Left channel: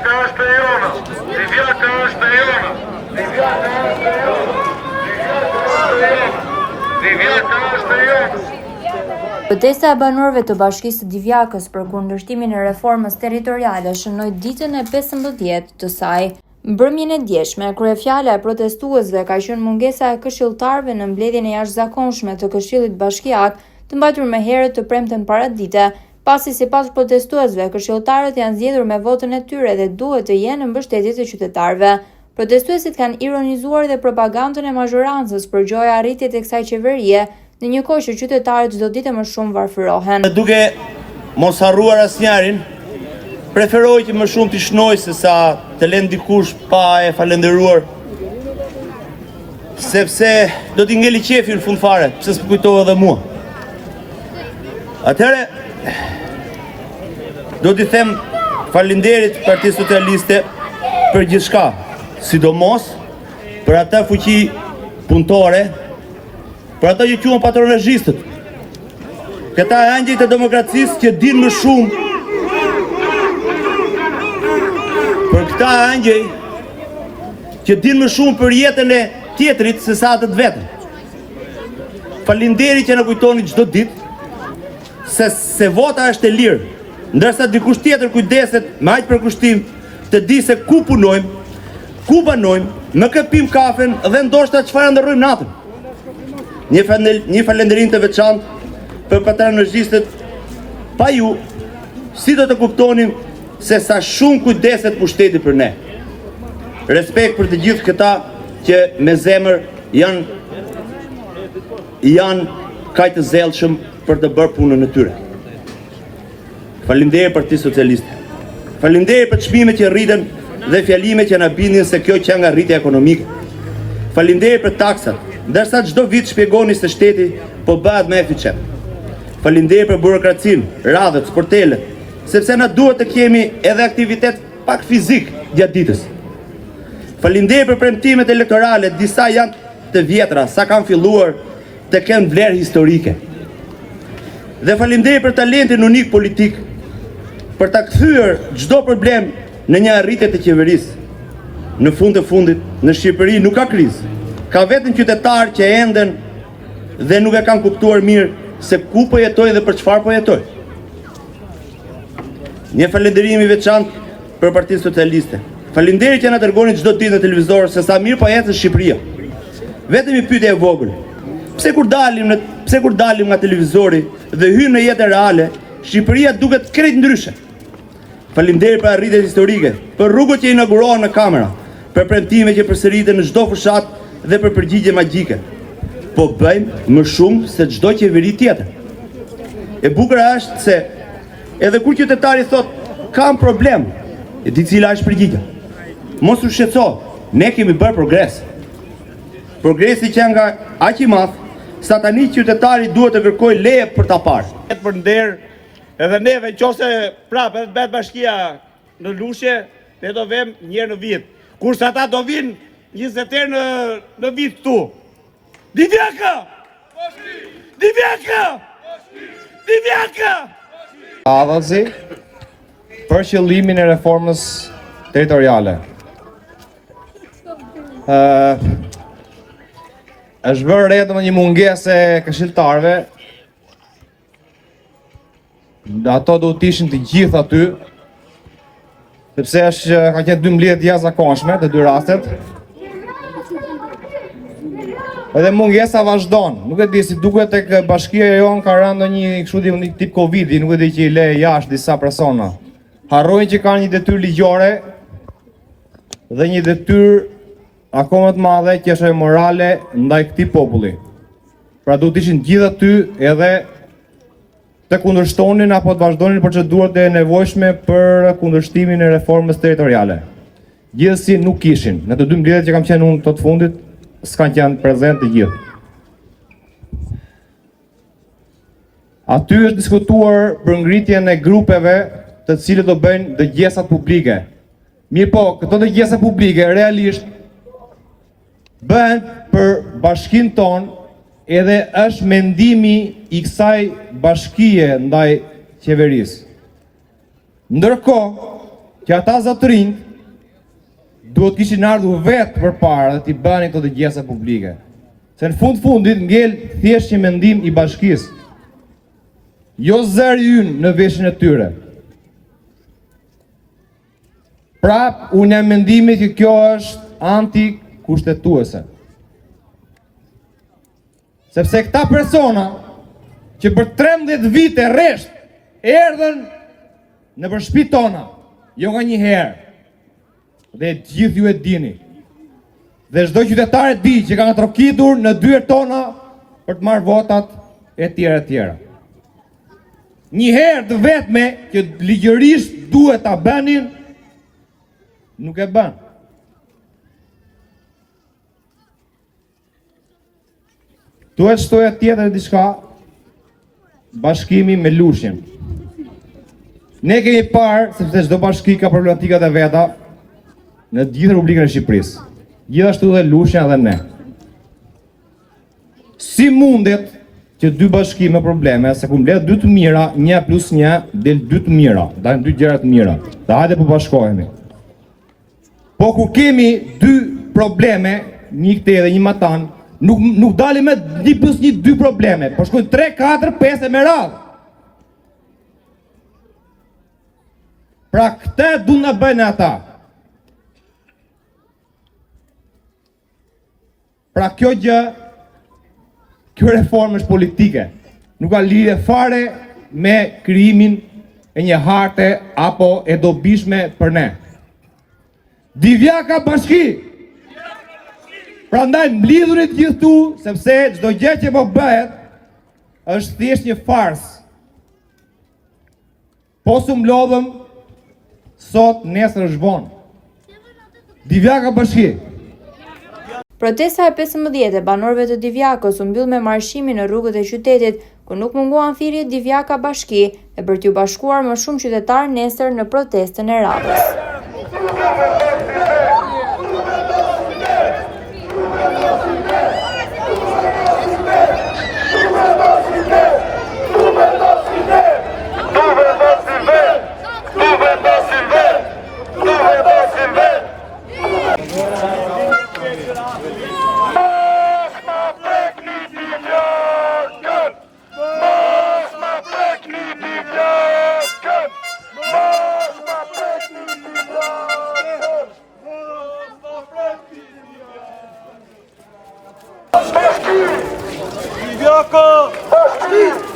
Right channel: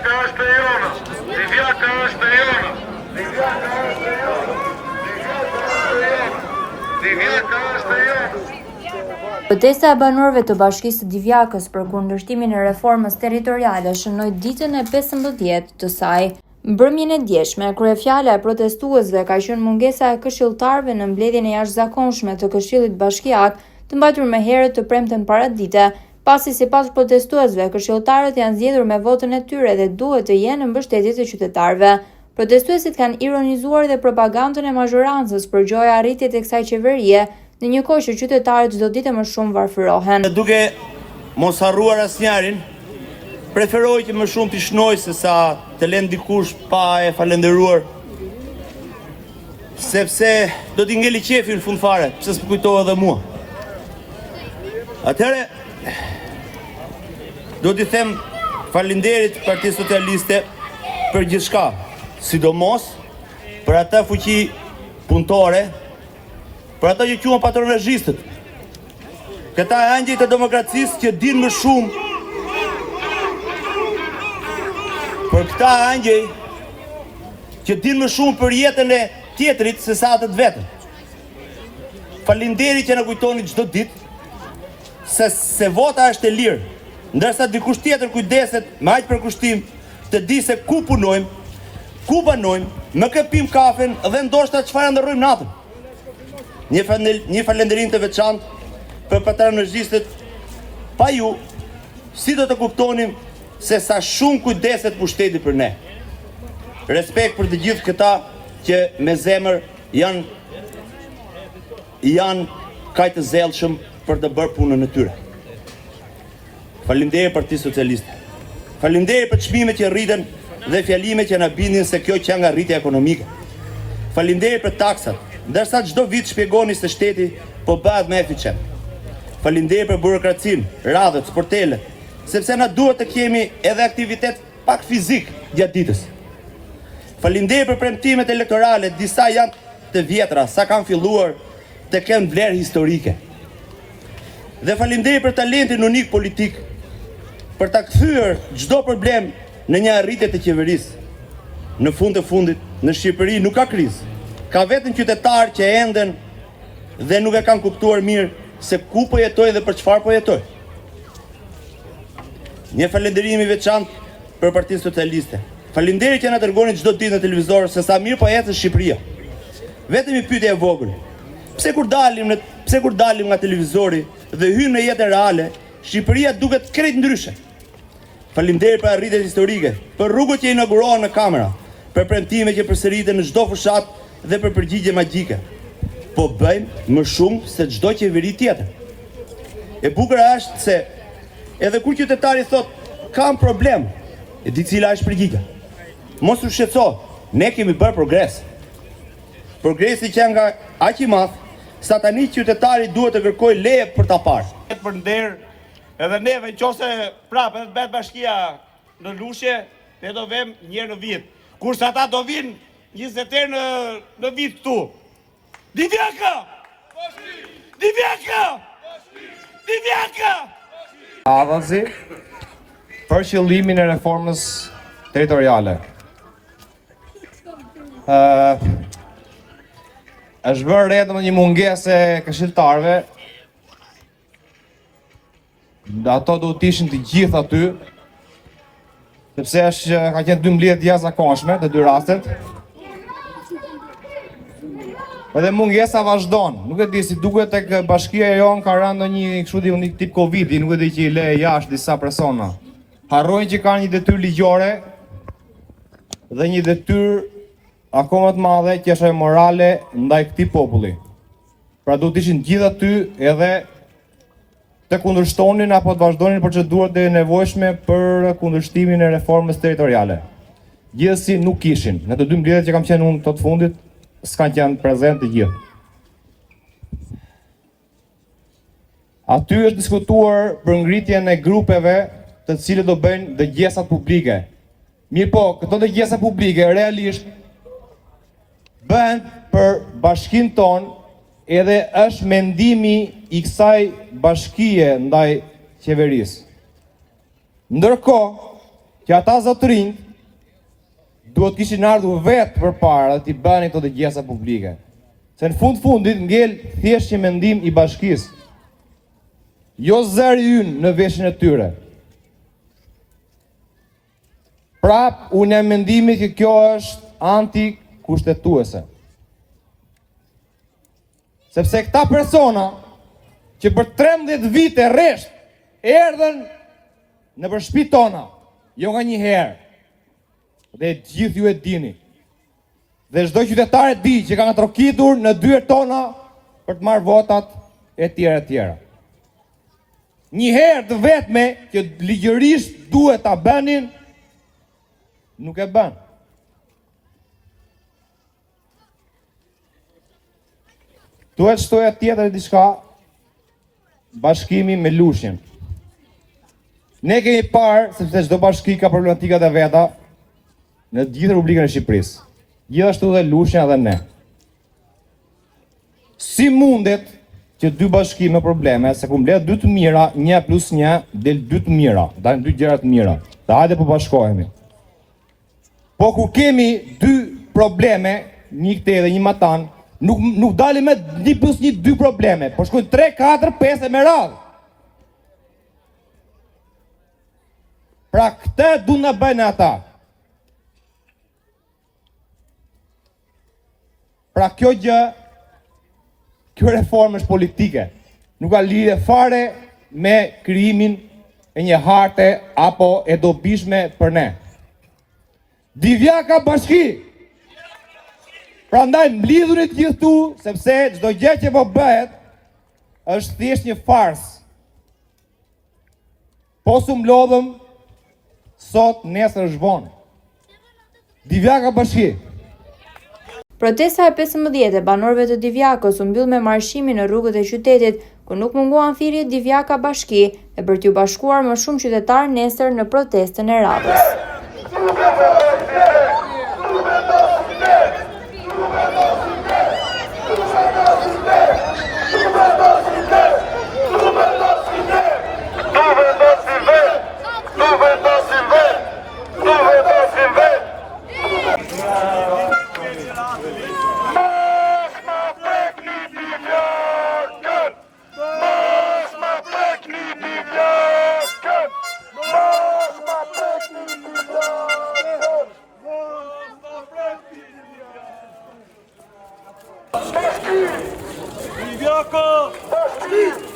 Livjaka është e jona. Livjaka është e jona. Livjaka është e jona. Livjaka është e jona. Livjaka është e jona. Protesta e banorëve të Bashkisë së Divjakës për kundërshtimin e reformës territoriale shënoi ditën e 15 të saj. Mbrëmjen e djeshme, kryefjala e protestuesve ka qenë mungesa e këshilltarëve në mbledhjen e jashtëzakonshme të Këshillit Bashkiak, të mbajtur më herët të premten paradite, pasi sipas protestuesve, këshilltarët janë zgjedhur me votën e tyre dhe duhet të jenë në mbështetje të qytetarëve. Protestuesit kanë ironizuar dhe propagandën e mazhorancës për gjoja arritjet e kësaj qeverie, në një kohë që qytetarët çdo ditë më shumë varfërohen. Duke mos harruar asnjërin, preferoj që më shumë të shnoj se sa të lënë dikush pa e falenderuar. Sepse do t'i ngeli qefi në fund fare, pse s'po kujtova edhe mua. Atëherë do t'i them falenderit Partisë Socialiste për gjithçka, sidomos për atë fuqi punëtore, për ato që quhen patronazhistët. Këta angjëj të demokracisë që din më shumë. Për këta angjëj që din më shumë për jetën e tjetrit se sa atë të vetën. Faleminderit që na kujtoni çdo ditë se vota është e lirë, ndërsa dikush tjetër kujdeset me aq përkushtim të di se ku punojmë, ku banojmë, në kë pim kafen dhe ndoshta çfarë ndërrojmë natën. Një falënderim të veçantë për patronazhistët, pa ju, si do të kuptonim se sa shumë kujdeset pushteti për ne. Respekt për të gjithë këta që me zemër janë kaq të zellshëm për të bërë punën e tyre. Faleminderit Partisë Socialiste. Faleminderit për çmimet që rriten dhe fjalimet që na bindin se kjo që nga rritja ekonomike. Faleminderit për taksat, ndërsa çdo vit shpjegoni se shteti po bëhet më eficient. Faleminderit për burokracinë, radhët, sportelet, sepse na duhet të kemi edhe aktivitet pak fizik gjatë ditës. Faleminderit për premtimet elektorale, disa janë të vjetra, sa kanë filluar të kenë vlerë historike. Dhe faleminderit për talentin unik politik, për ta kthyer çdo problem në një arritje të qeverisë. Në fund të fundit, në Shqipëri nuk ka krizë. Ka vetëm qytetarë që enden dhe nuk e kanë kuptuar mirë se ku po jetojnë dhe për çfarë po jetojnë. Një falënderim i veçantë për Partisë Socialiste. Faleminderit që na dërgoni çdo ditë në televizor se sa mirë po ecën Shqipëria. Vetëm një pyetje e vogël. Pse kur dalim nga televizori dhe hyjmë në jetën reale, Shqipëria duket krejt ndryshe. Faleminderit për arritjet historike, për rrugët që inaugurohen në kamera, për premtime që përsëriten në çdo fushat dhe për përgjigje magjike. Po bëjmë më shumë se çdo qeveri tjetër. E bukur është se edhe kur qytetari thotë kam problem, e di cila është përgjigja. Mos u shqetëso, ne kemi bërë progres. Progresi që nga aq i madh, sa tani qytetari duhet të kërkojë leje për ta parë. Për nder, edhe neve nëse prapë edhe bet bashkia në Lushe, ne do vem një herë në vit. Kurse ata do vinë 20 herë në vit këtu. Divjaka! Divjaka! Divjaka! Adhazi për qëllimin e reformës territoriale. Është bërë re në një mungesë e këshilltarëve. Ato do të ishin të gjithë aty, sepse ka qenë 12 jashtëzakonshme të dy rastet. Edhe mungesa vazhdon. Nuk e di si duket tek bashkia jon ka rënë ndonjë kështu një tip Covidi, nuk e di që i le jashtë disa persona. Harrojnë që kanë një detyrë ligjore dhe një detyrë akoma të madhe që është morale ndaj këtij populli. Pra duhet të ishin gjithë aty edhe të kundërshtonin apo të vazhdonin procedurat e nevojshme për kundërshtimin e reformës territoriale. Gjithsesi nuk kishin. Në të dy mbledhjet që kam qenë unë të fundit, s'kan qenë prezent të gjithë. Aty është diskutuar për ngritjen e grupeve të cilët do bëjnë dëgjesat publike. Mirë po, këto dëgjesa publike realisht bëhen për bashkinë tonë edhe është mendimi i kësaj bashkie ndaj qeverisë. Ndërkohë, që ata zotërinj duhet kishin ardhur vetë përpara dhe t'i bënin këto dëgjesa publike. Se në fundit ngel thjesht një mendim i bashkisë. Jo zëri ynë në veshin e tyre. Prap, unë e mendimit që kjo është anti-kushtetuese. Sepse këta persona që për 13 vite rresht erdhen në për shtëpitë tona, jo nga një herë, dhe gjithë ju e dini. Dhe çdo qytetar e di që kanë trokitur në dyert tona për të marrë votat e tjera e tjera. Një herë të vetme që ligjërisht duhet ta bënin, nuk e bën. Duhet shtoja tjetër e diçka, bashkimi me Lushnjën. Ne kemi parë, sepse çdo bashki ka problematikat e veta në gjithë Republikën e Shqipërisë. Gjithashtu dhe Lushnja dhe ne. Si mundet që dy bashki me probleme, se ku mbledh dy të mira, 1+1 del 2 të mira, dalin 2 gjëra të mira. Dhe hajde po bashkohemi. Po ku kemi 2 probleme, një këtej dhe një matan, nuk dalim me 1+1 2 probleme, po shkojnë 3, 4, 5 e me radhë. Pra këtë du në bëjnë ata. Pra kjo gjë, kjo reformë është politike, nuk ka lidhje fare me krijimin e një harte apo e dobishme për ne. Divjaka bashki! Prandaj mlidhurit gjithu, sepse çdo gjë që po bëhet është thjesht një farsë. Po su mlodhëm sot, nesër është vonë. Divjaka bashki! Protesta e 15 e banorëve të Divjakës u mbyll me marshimin në rrugët e qytetit, ku nuk munguan thirrjet Divjaka Bashki e për t'u bashkuar më shumë qytetarë nesër në protestën e radhës. Divjaka Bashki!